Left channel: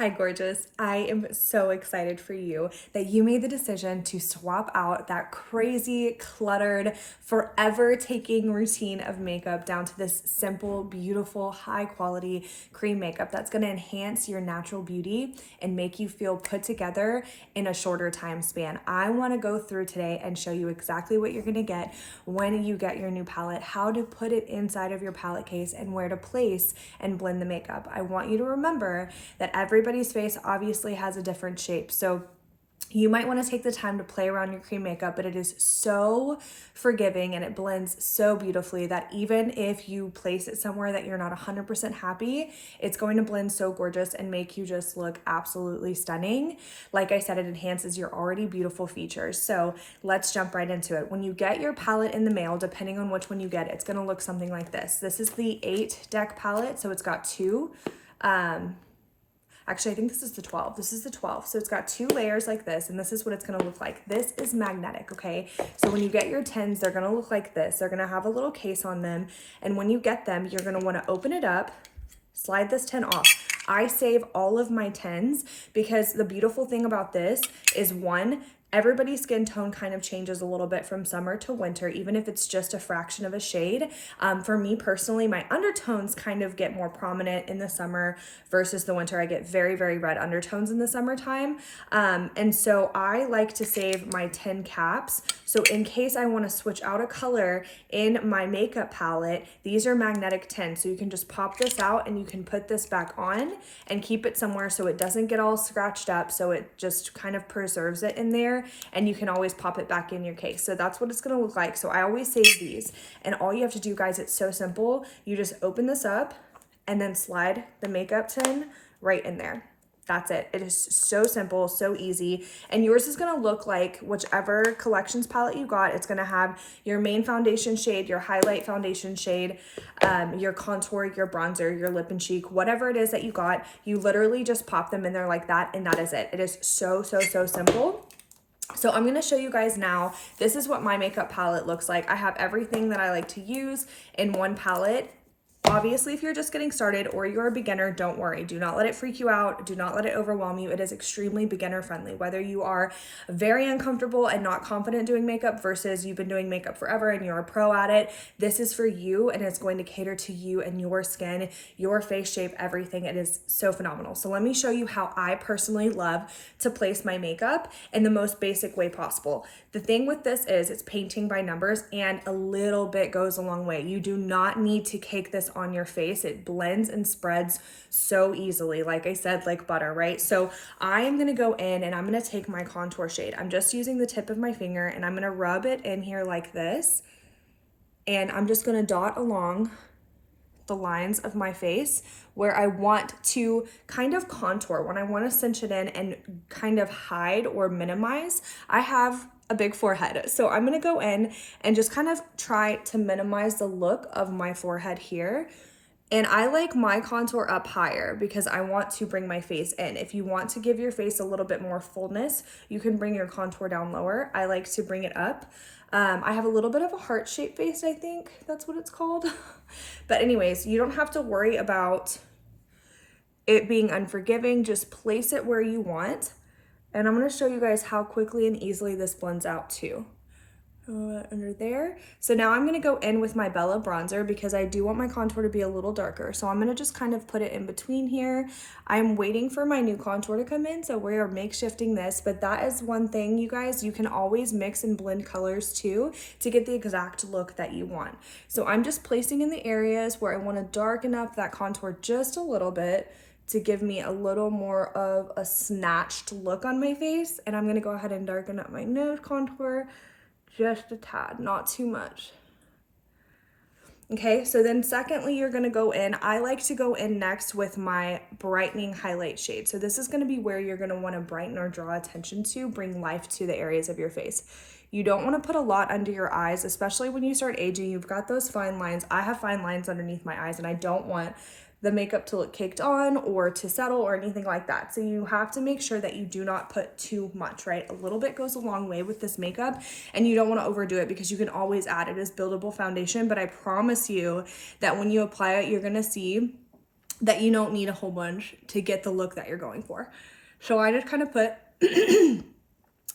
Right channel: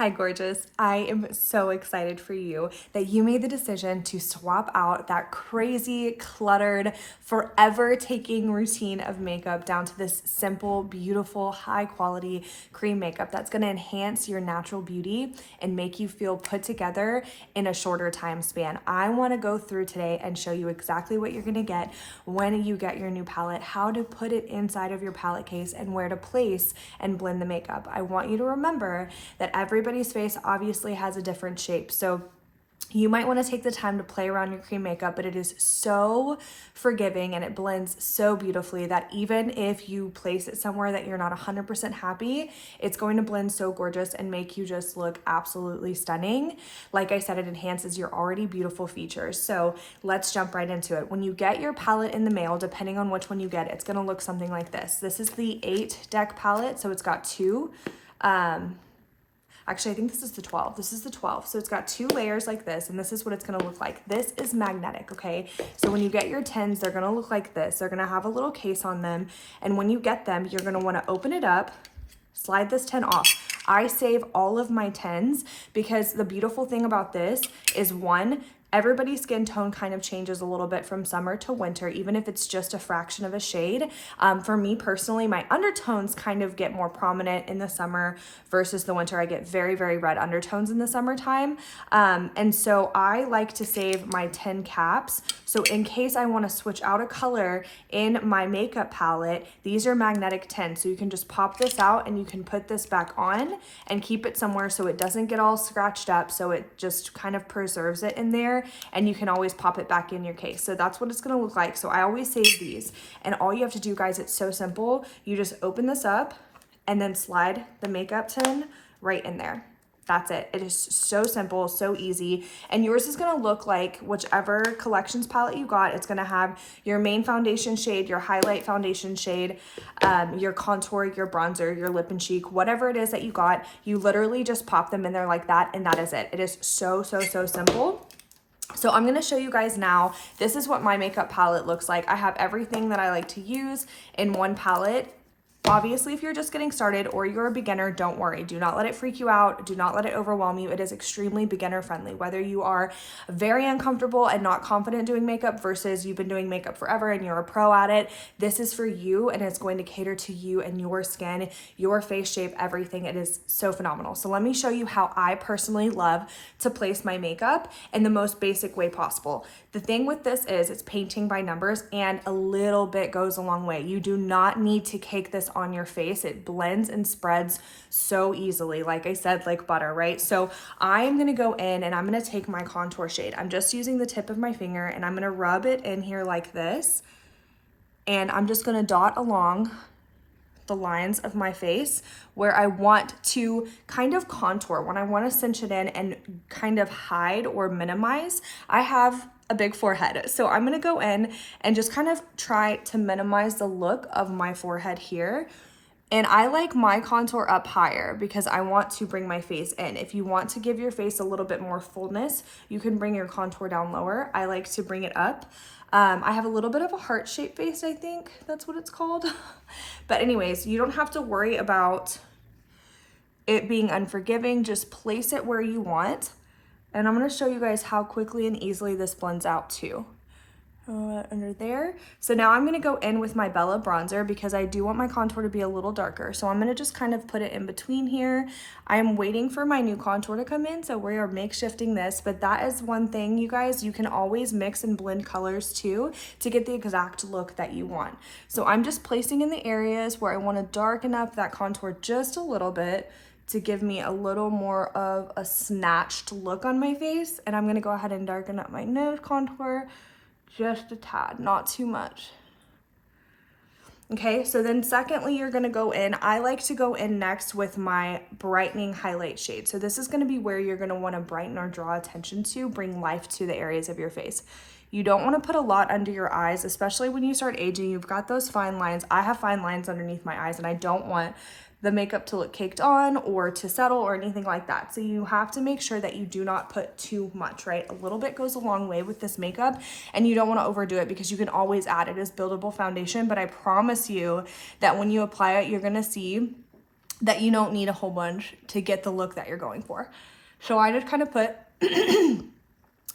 Hi, gorgeous. I am so excited for you that you made the decision to swap out that crazy, cluttered, forever taking routine of makeup down to this simple, beautiful, high quality cream makeup that's going to enhance your natural beauty and make you feel put together in a shorter time span. I want to go through today and show you exactly what you're going to get when you get your new palette, how to put it inside of your palette case, and where to place and blend the makeup. I want you to remember that everybody's face obviously has a different shape. So you might want to take the time to play around your cream makeup, but it is so forgiving and it blends so beautifully that even if you place it somewhere that you're not 100% happy, it's going to blend so gorgeous and make you just look absolutely stunning. Like I said, it enhances your already beautiful features. So let's jump right into it. When you get your palette in the mail, depending on which one you get, it's going to look something like this. This is the 8 deck palette, so it's got two. Actually, I think this is the 12. This is the 12. So it's got 2 layers like this, and this is what it's gonna look like. This is magnetic, okay? So when you get your 10s, they're gonna look like this. They're gonna have a little case on them, and when you get them, you're gonna wanna open it up, slide this 10 off. I save all of my 10s because the beautiful thing about this is, one, everybody's skin tone kind of changes a little bit from summer to winter, even if it's just a fraction of a shade. For me personally, my undertones kind of get more prominent in the summer versus the winter. I get very, very red undertones in the summertime. And so I like to save my 10 caps. So in case I want to switch out a color in my makeup palette, these are magnetic 10. So you can just pop this out and you can put this back on and keep it somewhere so it doesn't get all scratched up. So it just kind of preserves it in there, and you can always pop it back in your case. So that's what it's gonna look like. So I always save these, and all you have to do, guys, it's so simple. You just open this up and then slide the makeup tin right in there. That's it. It is so simple, so easy. And yours is gonna look like whichever collections palette you got. It's gonna have your main foundation shade, your highlight foundation shade, your contour, your bronzer, your lip and cheek, whatever it is that you got. You literally just pop them in there like that, and that is it. It is so, so, so simple. So I'm gonna show you guys now. This is what my makeup palette looks like. I have everything that I like to use in one palette. Obviously, if you're just getting started or you're a beginner, don't worry. Do not let it freak you out. Do not let it overwhelm you. It is extremely beginner friendly. Whether you are very uncomfortable and not confident doing makeup versus you've been doing makeup forever and you're a pro at it, this is for you, and it's going to cater to you and your skin, your face shape, everything. It is so phenomenal. So let me show you how I personally love to place my makeup in the most basic way possible. The thing with this is it's painting by numbers, and a little bit goes a long way. You do not need to cake this on your face. It blends and spreads so easily, like I said, like butter, right? So I am gonna go in and I'm gonna take my contour shade. I'm just using the tip of my finger and I'm gonna rub it in here like this. And I'm just gonna dot along the lines of my face where I want to kind of contour, when I want to cinch it in and kind of hide or minimize. I have a big forehead, so I'm going to go in and just kind of try to minimize the look of my forehead here. And I like my contour up higher because I want to bring my face in. If you want to give your face a little bit more fullness, you can bring your contour down lower. I like to bring it up. I have a little bit of a heart-shaped face, I think that's what it's called. But anyways, you don't have to worry about it being unforgiving. Just place it where you want. And I'm gonna show you guys how quickly and easily this blends out too. Under there. So now I'm gonna go in with my Bella bronzer because I do want my contour to be a little darker. So I'm gonna just kind of put it in between here. I'm waiting for my new contour to come in, so we are makeshifting this, but that is one thing, you guys, you can always mix and blend colors too to get the exact look that you want. So I'm just placing in the areas where I wanna darken up that contour just a little bit to give me a little more of a snatched look on my face. And I'm gonna go ahead and darken up my nose contour just a tad, not too much. Okay, so then secondly, you're gonna go in, I like to go in next with my brightening highlight shade. So this is gonna be where you're gonna wanna brighten or draw attention to, bring life to the areas of your face. You don't wanna put a lot under your eyes, especially when you start aging. You've got those fine lines. I have fine lines underneath my eyes, and I don't want the makeup to look caked on or to settle or anything like that. So you have to make sure that you do not put too much, right? A little bit goes a long way with this makeup, and you don't want to overdo it because you can always add it as buildable foundation. But I promise you that when you apply it, you're gonna see that you don't need a whole bunch to get the look that you're going for. So I just kind of put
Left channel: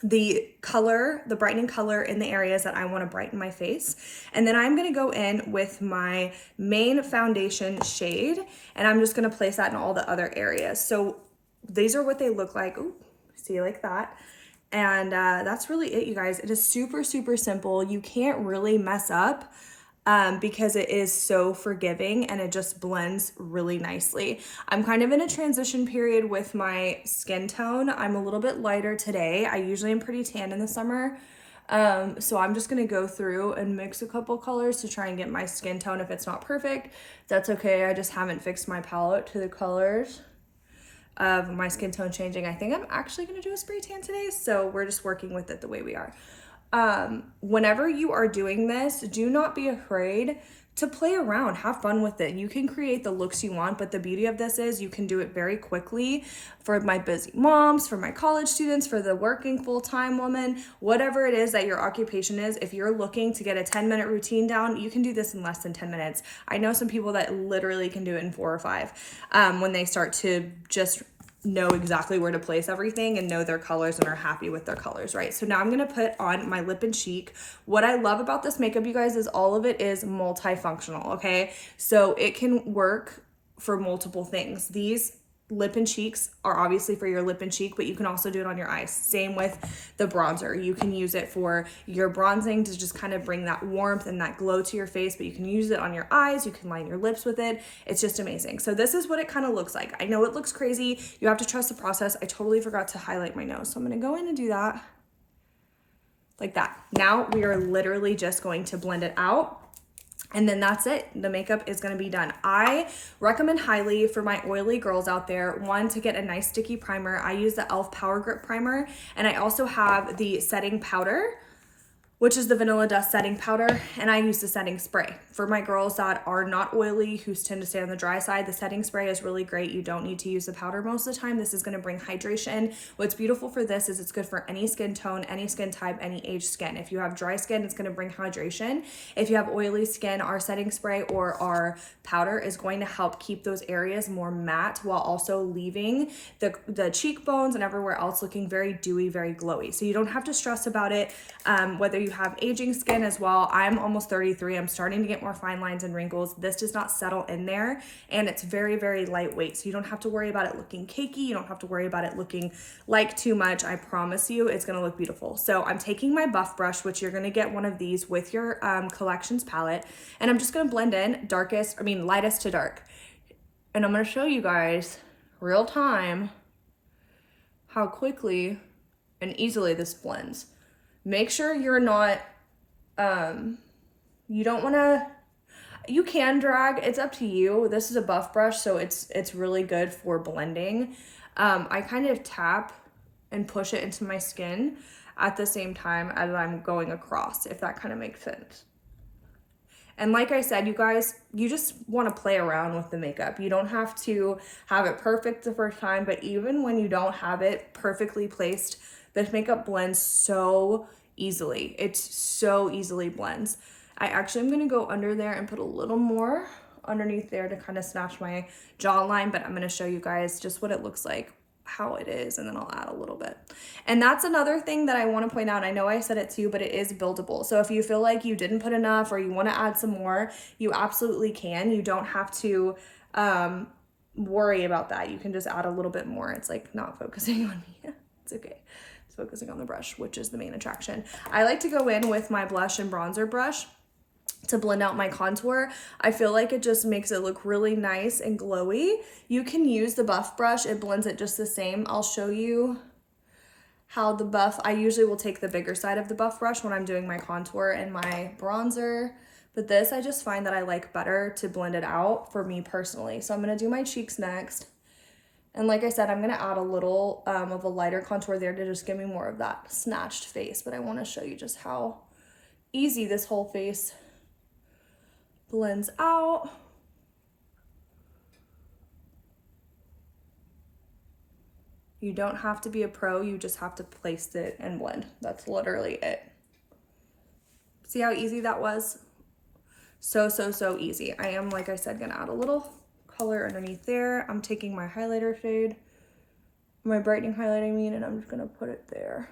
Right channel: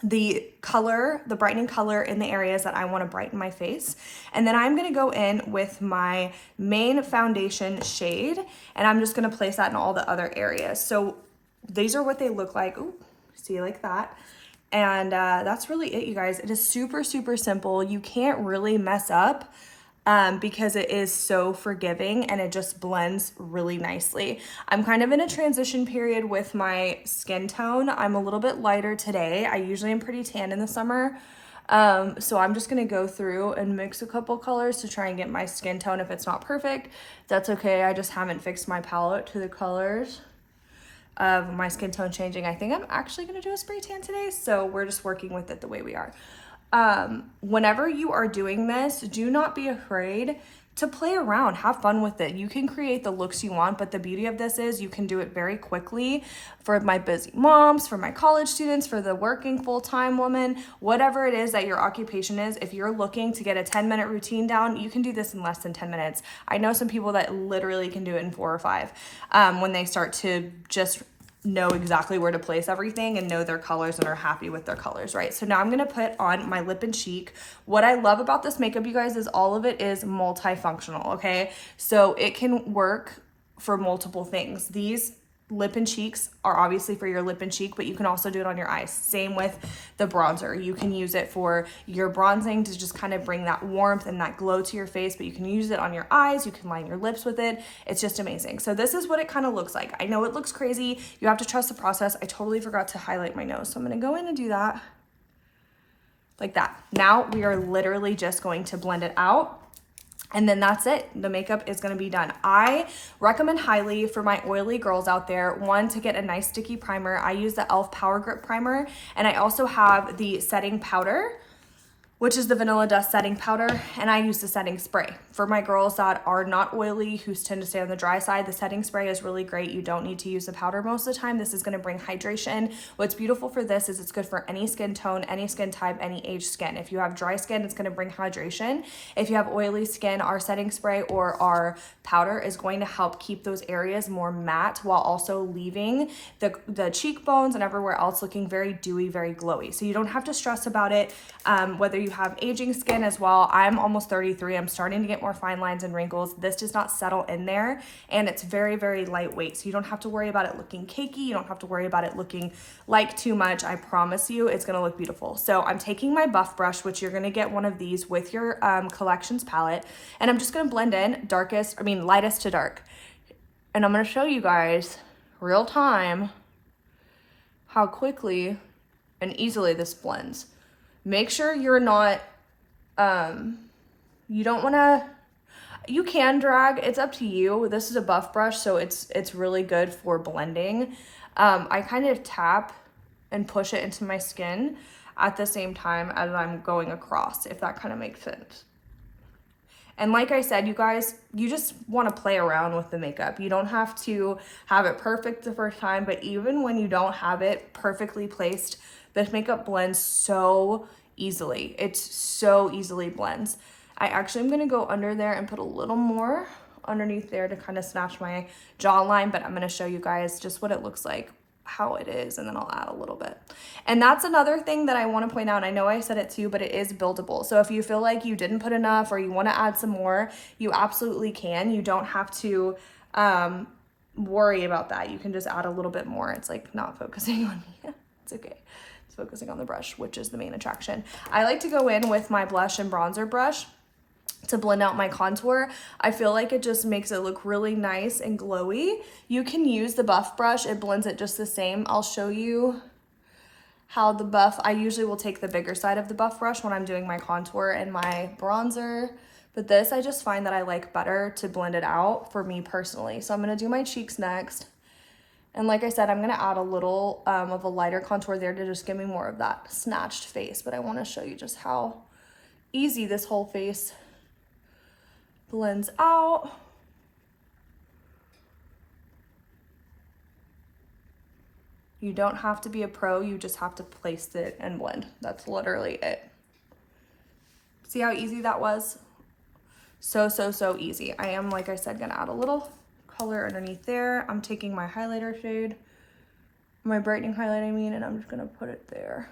the color, the brightening color in the areas that I want to brighten my face. And then I'm going to go in with my main foundation shade, and I'm just going to place that in all the other areas. So these are what they look like. Ooh, see, like that. And that's really it, you guys. It is super, super simple. You can't really mess up because it is so forgiving and it just blends really nicely. I'm kind of in a transition period with my skin tone. I'm a little bit lighter today. I usually am pretty tan in the summer. So I'm just gonna go through and mix a couple colors to try and get my skin tone. If it's not perfect, that's okay. I just haven't fixed my palette to the colors of my skin tone changing. I think I'm actually gonna do a spray tan today, so we're just working with it the way we are. Whenever you are doing this, do not be afraid to play around, have fun with it. You can create the looks you want, but the beauty of this is you can do it very quickly. For my busy moms, for my college students, for the working full-time woman, whatever it is that your occupation is, if you're looking to get a 10-minute routine down, you can do this in less than 10 minutes. I know some people that literally can do it in 4 or 5 when they start to just know exactly where to place everything and know their colors and are happy with their colors, right? So now I'm gonna put on my lip and cheek. What I love about this makeup, you guys, is all of it is multifunctional, okay? So it can work for multiple things. These lip and cheeks are obviously for your lip and cheek, but you can also do it on your eyes. Same with the bronzer. You can use it for your bronzing to just kind of bring that warmth and that glow to your face, but you can use it on your eyes. You can line your lips with it. It's just amazing. So this is what it kind of looks like. I know it looks crazy. You have to trust the process. I totally forgot to highlight my nose. So I'm going to go in and do that like that. Now we are literally just going to blend it out. And then that's it. The makeup is going to be done. I recommend highly for my oily girls out there, one, to get a nice sticky primer. I use the e.l.f. Power Grip Primer, and I also have the setting powder, which is the Vanilla Dust setting powder, and I use the setting spray. For my girls that are not oily, who tend to stay on the dry side, the setting spray is really great. You don't need to use the powder most of the time. This is gonna bring hydration. What's beautiful for this is it's good for any skin tone, any skin type, any age skin. If you have dry skin, it's gonna bring hydration. If you have oily skin, our setting spray or our powder is going to help keep those areas more matte while also leaving the cheekbones and everywhere else looking very dewy, very glowy. So you don't have to stress about it. Whether you have aging skin as well. I'm almost 33. I'm starting to get more fine lines and wrinkles. This does not settle in there, and it's very, very lightweight. So you don't have to worry about it looking cakey. You don't have to worry about it looking like too much. I promise you it's going to look beautiful. So I'm taking my buff brush, which you're going to get one of these with your collections palette, and I'm just going to blend in lightest to dark. And I'm going to show you guys real time how quickly and easily this blends. Make sure you're not, you don't want to, you can drag, it's up to you. This is a buff brush, so it's really good for blending. I kind of tap and push it into my skin at the same time as I'm going across, if that kind of makes sense. And like I said, you guys, you just want to play around with the makeup. You don't have to have it perfect the first time, but even when you don't have it perfectly placed, this makeup blends so easily. It's so easily blends. I actually am going to go under there and put a little more underneath there to kind of snatch my jawline, but I'm going to show you guys just what it looks like, how it is, and then I'll add a little bit. And that's another thing that I want to point out. I know I said it too, but it is buildable. So if you feel like you didn't put enough or you want to add some more, you absolutely can. You don't have to worry about that. You can just add a little bit more. It's like not focusing on me. It's okay. It's focusing on the brush, which is the main attraction. I like to go in with my blush and bronzer brush to blend out my contour. I feel like it just makes it look really nice and glowy. You can use the buff brush. It blends it just the same. I'll show you how the buff, I usually will take the bigger side of the buff brush when I'm doing my contour and my bronzer. But this, I just find that I like better to blend it out for me personally. So I'm gonna do my cheeks next. And like I said, I'm gonna add a little of a lighter contour there to just give me more of that snatched face. But I wanna show you just how easy this whole face blends out. You don't have to be a pro, you just have to place it and blend. That's literally it. See how easy that was? So easy. I am, like I said, gonna add a little color underneath there. I'm taking my highlighter shade, my brightening highlight, I mean, and I'm just gonna put it there.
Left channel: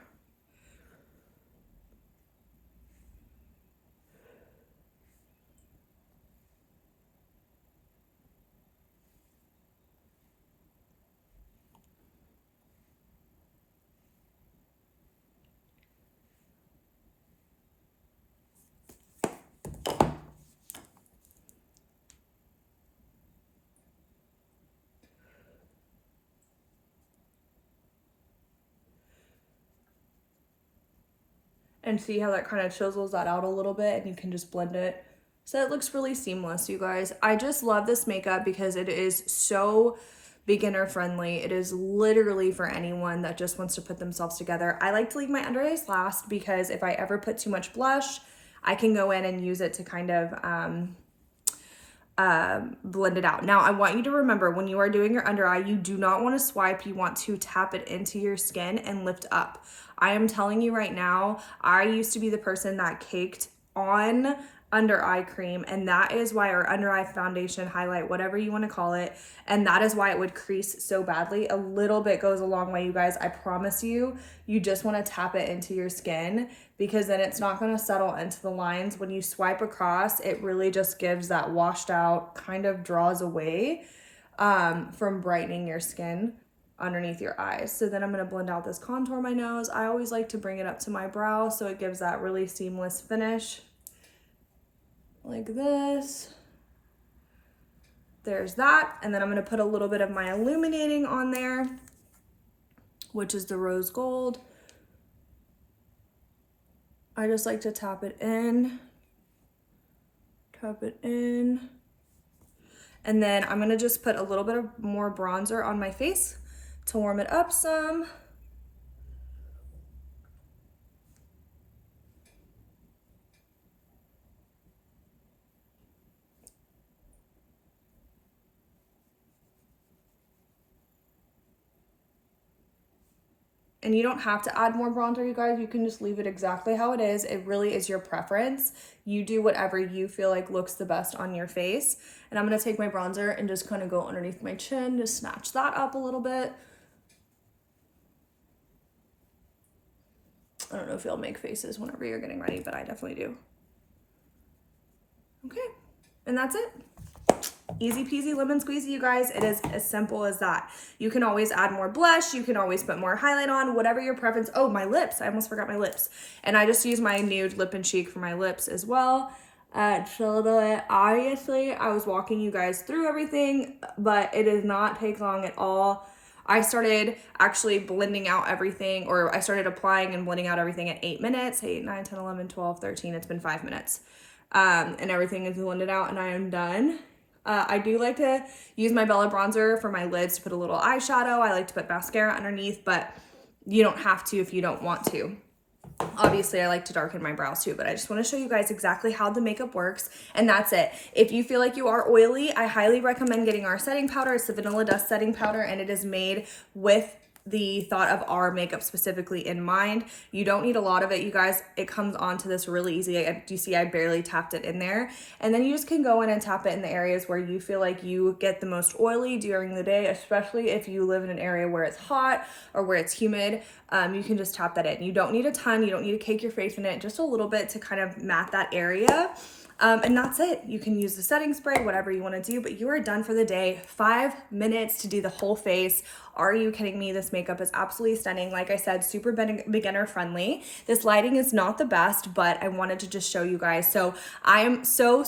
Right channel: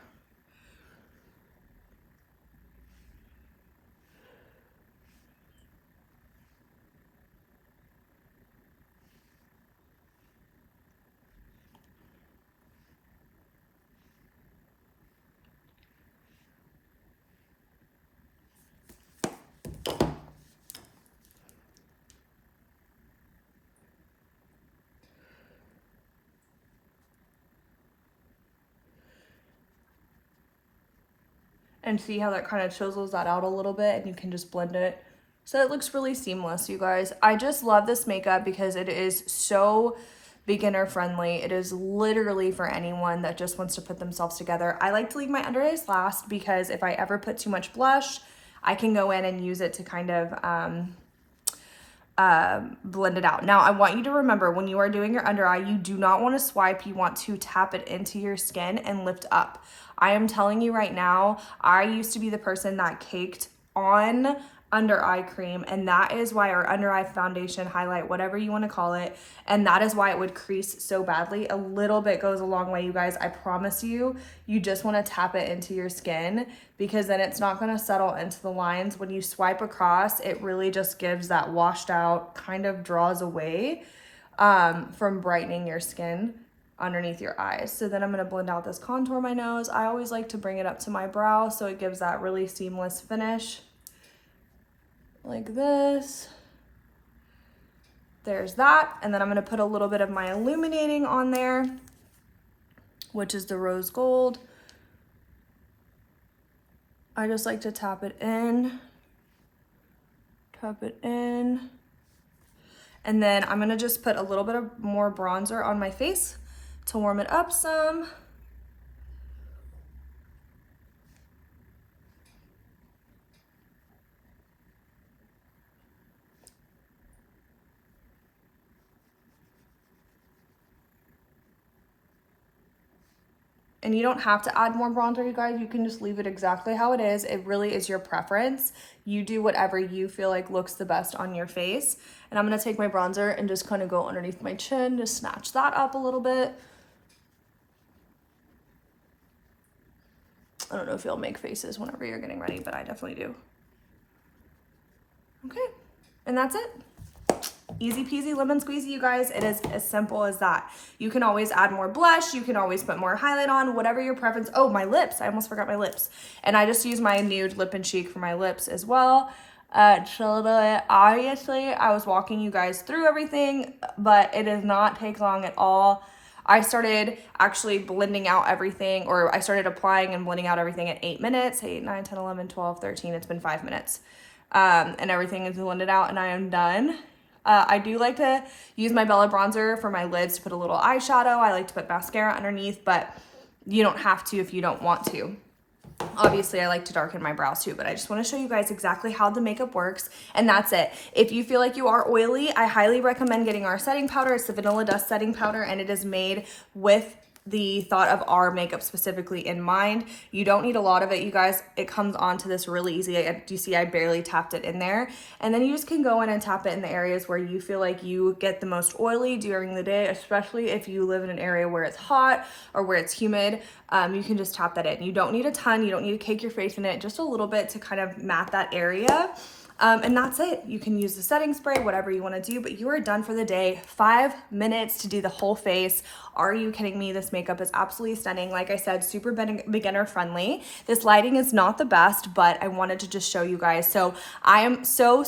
And see how that kind of chisels that out a little bit, and you can just blend it. So it looks really seamless, you guys. I just love this makeup because it is so beginner friendly. It is literally for anyone that just wants to put themselves together. I like to leave my under eyes last because if I ever put too much blush, I can go in and use it to kind of blend it out. Now, I want you to remember when you are doing your under eye, you do not want to swipe. You want to tap it into your skin and lift up. I am telling you right now, I used to be the person that caked on under eye cream, and that is why our under eye foundation, highlight, whatever you want to call it, and that is why it would crease so badly. A little bit goes a long way, you guys. I promise you, you just want to tap it into your skin because then it's not going to settle into the lines. When you swipe across, it really just gives that washed out, kind of draws away from brightening your skin underneath your eyes. So then I'm going to blend out this contour my nose. I always like to bring it up to my brow so it gives that really seamless finish. Like this. There's that. And then I'm going to put a little bit of my illuminating on there, which is the rose gold. I just like to tap it in. Tap it in. And then I'm going to just put a little bit of more bronzer on my face to warm it up some. And you don't have to add more bronzer, you guys. You can just leave it exactly how it is. It really is your preference. You do whatever you feel like looks the best on your face. And I'm gonna take my bronzer and just kind of go underneath my chin, just snatch that up a little bit. I don't know if you'll make faces whenever you're getting ready, but I definitely do. Okay, and that's it. Easy peasy lemon squeezy, you guys. It is as simple as that. You can always add more blush. You can always put more highlight on, whatever your preference. Oh, my lips. I almost forgot my lips. And I just use my nude lip and cheek for my lips as well. Obviously, I was walking you guys through everything, but it does not take long at all. I started actually blending out everything, or I started applying and blending out everything at 8 minutes. 8, 9, 10, 11, 12, 13. It's been 5 minutes. And everything is blended out and I am done. I do like to use my Bella bronzer for my lids to put a little eyeshadow. I like to put mascara underneath, but you don't have to if you don't want to. Obviously, I like to darken my brows too, but I just want to show you guys exactly how the makeup works, and that's it. If you feel like you are oily, I highly recommend getting our setting powder. It's the Vanilla Dust setting powder, and it is made with the thought of our makeup specifically in mind. You don't need a lot of it, you guys. It comes onto this really easy. Do you see I barely tapped it in there? And then you just can go in and tap it in the areas where you feel like you get the most oily during the day, especially if you live in an area where it's hot or where it's humid. You can just tap that in. You don't need a ton. You don't need to cake your face in it. Just a little bit to kind of mat that area. And that's it. You can use the setting spray, whatever you want to do, but you are done for the day. 5 minutes to do the whole face. Are you kidding me? This makeup is absolutely stunning. Like I said, super beginner friendly. This lighting is not the best, but I wanted to just show you guys. So I am so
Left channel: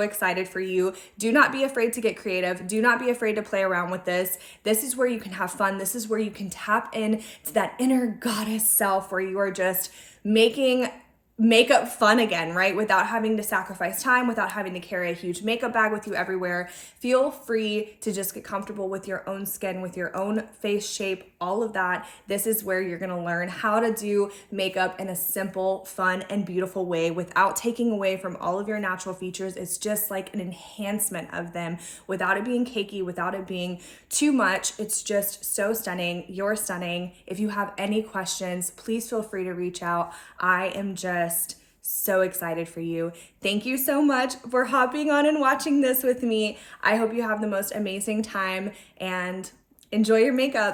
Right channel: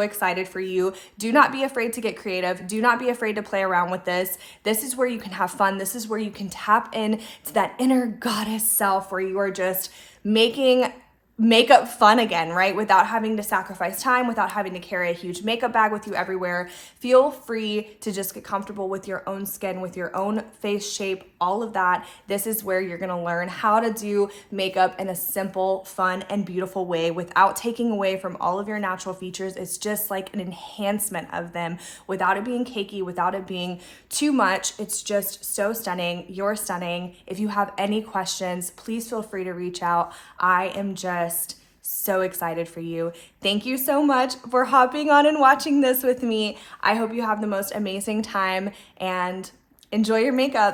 excited for you. Do not be afraid to get creative. Do not be afraid to play around with this. This is where you can have fun. This is where you can tap in to that inner goddess self where you are just making makeup fun again, right? Without having to sacrifice time, without having to carry a huge makeup bag with you everywhere. Feel free to just get comfortable with your own skin, with your own face shape, all of that. This is where you're gonna learn how to do makeup in a simple, fun, and beautiful way without taking away from all of your natural features. It's just like an enhancement of them without it being cakey, without it being too much. It's just so stunning. You're stunning. If you have any questions, please feel free to reach out. I am just So excited for you. Thank you so much for hopping on and watching this with me. I hope you have the most amazing time and enjoy your makeup.